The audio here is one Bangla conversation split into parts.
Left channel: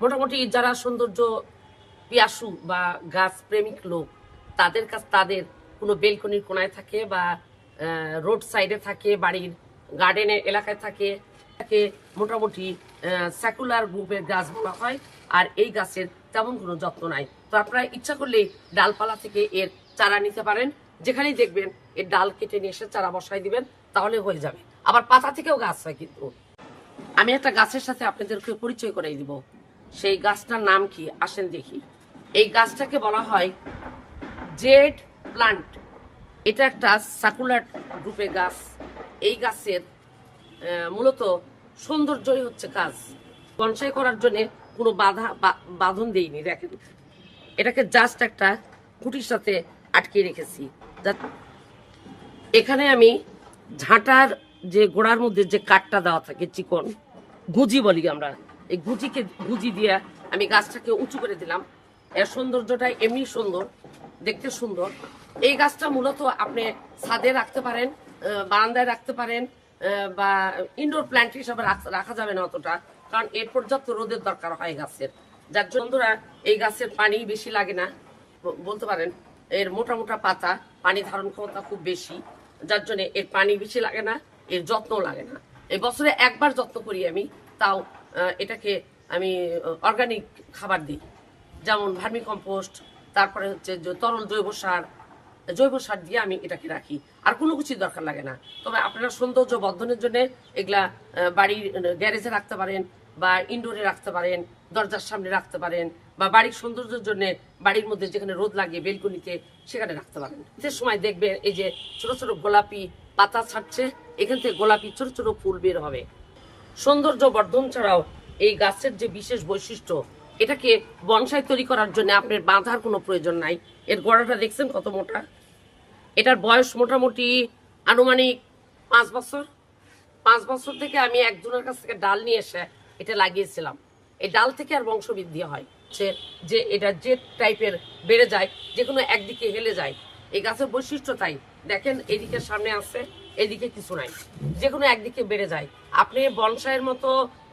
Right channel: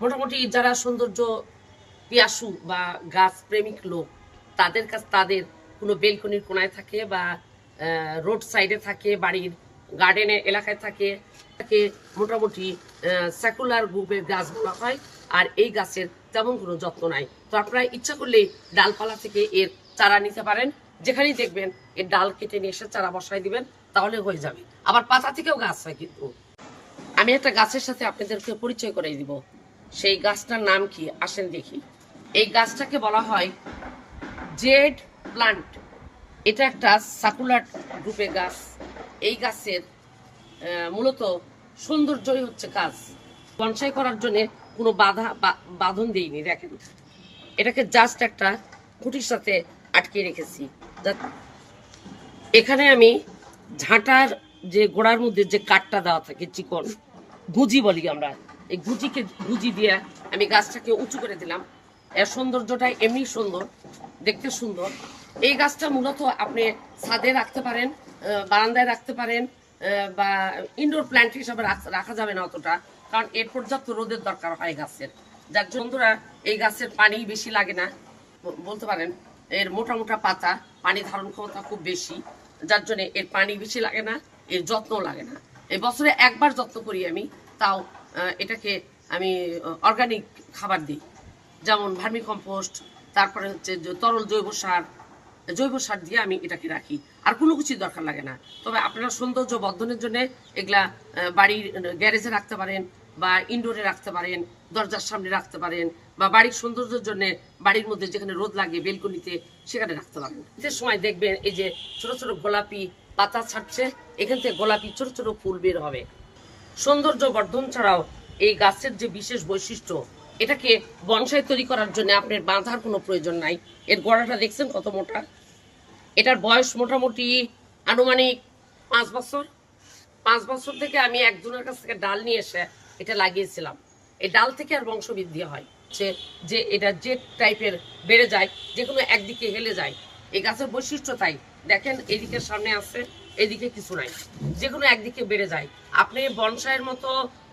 মোটামুটি যারা সৌন্দর্য পিয়াসু বা গাছ প্রেমিক লোক, তাদের কাছ, তাদের কোনো বেলকনির কোনায় থাকে বা রোড সাইডে থাকে, বাড়ির গার্ডেনের এলাকায় থাকে, তাকে মোটামুটি সাকুলার গ্রুপের গাছ বলা হয়। আর এই গাছের তেমন কোনো যত্ন নাই। তো আপনারা ইচ্ছা করলেই ডালপালা থেকে এর চারা নিতে পারেন। যেখানেই দেখবেন এর ডাল কেটে নিয়ে এসে চারা বসায় দিবেন, তাহলে হয়ে যাবে। আবার পাতা থেকেও গাছ হয় কিন্তু। আমি একটা গাছের সাথে আপনাদেরকে পরিচয় করে দিব। সেই গাছটার নাম কি? আসেন দেখি। এই গাছটাকে বলা হয় জেড প্লান্ট। এটা একটা সাকুলার গ্রুপের গাছ। এই গাছের মূলত সৌন্দর্যই হচ্ছে কাজ। বনসাই করার জন্য কোনো বাধা বাঁধন দেইনি, দেখেন। এটাকে জাস্ট একটা খুঁটির সাথে আটকে রেখেছি। এখানে আমি ঝাঁটার যে গোড়ার মধ্যে যে কাঠটা দেওয়া থাকে, চিকন, গুজি বলি আমরা। এই গুজিকে গুজি দিয়ে আমি গাছটাকে উঁচু করে দিলাম। এর সৌন্দর্যটা এমনি সুন্দর, দেখতে সুন্দর। এই গাছটা মূলত আপনি ছাদে রাখতে পারেন বারান্দায় রাখতে পারেন বা ইনডোর প্ল্যান্ট হিসাবে রাখ- যাবে না অতটা, কারণ এর পর্যাপ্ত রোদের দরকার হয় গাছের। যার জন্য এই গাছের পানি বেশি লাগে না। বলতে পারেন, এর মোটা মোটা পাতা পানি ধারণ ক্ষমতা খুব বেশি, যার জন্য এর পানি বেশি লাগে না, এর যত্ন লাগে না। এই বছরে একবার যত্ন করি আমি, তাও এটাকে আমি অর্গানিক খাবার দিই। যেমন ভার্মি কম্পোস্ট তারপরে হচ্ছে তরল জৈব সার জৈব সার দিয়ে আমি এটাকে রাখি। আর কোনো কিছুই দরকার লাগে না। তবে আপনারা সৌন্দর্য বর্ধনের জন্য এগুলা বাড়ির গ্যারেজে রাখতে পারেন বা ইনডোরে রাখতে পারেন, দরজার সামনে রাখতে পারেন বা বাড়ির সৌন্দর্যের জন্য বাড়ির মধ্যে যেখানে রোদ লাগে বেলকনিতে সেখানে রাখতে পারেন। শীতের সময় দেখবেন এই যে ছোট ছোট গোলাপি পাতা ছাড়ছে, এখান থেকে গোলাপি ছোট ছোট ফুল বের হবে। সৌন্দর্য বর্ধন ছাড়াও এই গাছের যে বিশেষ বৈশিষ্ট্য, এটাকে বনসাই তৈরি করার জন্য আপনার বাঁধার কোনো প্রয়োজন নাই। এর গোড়াটা দেখছেন কত মোটা? এটার বয়স মোটামুটি আনুমানিক পাঁচ বছর। পাঁচ বছর থেকে আমি একজনের কাছ থেকে ডাল নিয়ে এসে এটা লাগিয়েছিলাম। এই ডাল থেকে আর বংশবৃদ্ধি হয়। যে যে এটা যে টাইপের বেড়ে যায় যে কোনো একদিকে হেলে যায়। এই গাছের বৈশিষ্ট্য তাই। দেখেন, এদিকে সামনে আছে। এদিকে কিছু নাই। যে কোনো একদিকে বেড়ে যায়। আপনি বনসাইয়ের মতো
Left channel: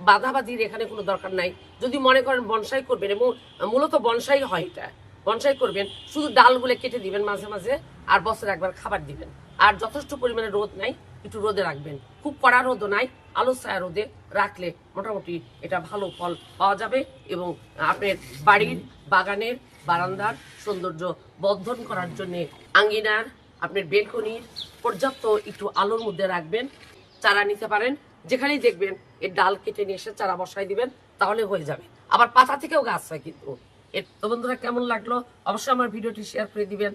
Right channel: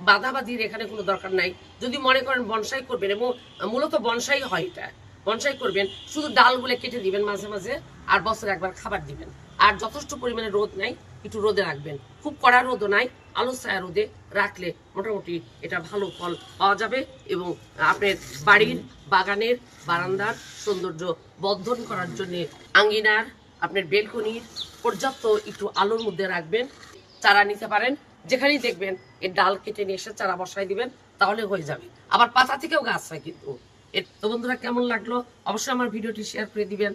বাধাবাধির এখানে কোনো দরকার নাই। যদি মনে করেন বনসাই করবেন, এবং মূলত বনসাই হয় এটা। বনসাই করবেন, শুধু ডালগুলো কেটে দিবেন মাঝে মাঝে, আর বছরে একবার খাবার দিবেন। আর যথেষ্ট পরিমাণে রোদ নাই, একটু রোদে রাখবেন। খুব কড়া রোদও নাই, আলো ছায়া রোদে রাখলে মোটামুটি এটা ভালো ফল পাওয়া যাবে, এবং আপনার বাড়ির বাগানের বারান্দার সৌন্দর্য বর্ধন করার জন্যে আঙ্গিনার আপনার বেলকনির পর্যাপ্ত একটু আলোর মধ্যে রাখবেন, চারা নিতে পারেন, যেখানেই দেখবেন এর ডাল কেটে নিয়ে এসে চারা বসায় দিবেন, তাহলে হয়ে যাবে। আবার পাতা থেকেও গাছ হয় কিন্তু। এর তো বন্ধুরা কেমন লাগল? অবশ্যই আমার ভিডিওটি শেয়ার করে দিবেন।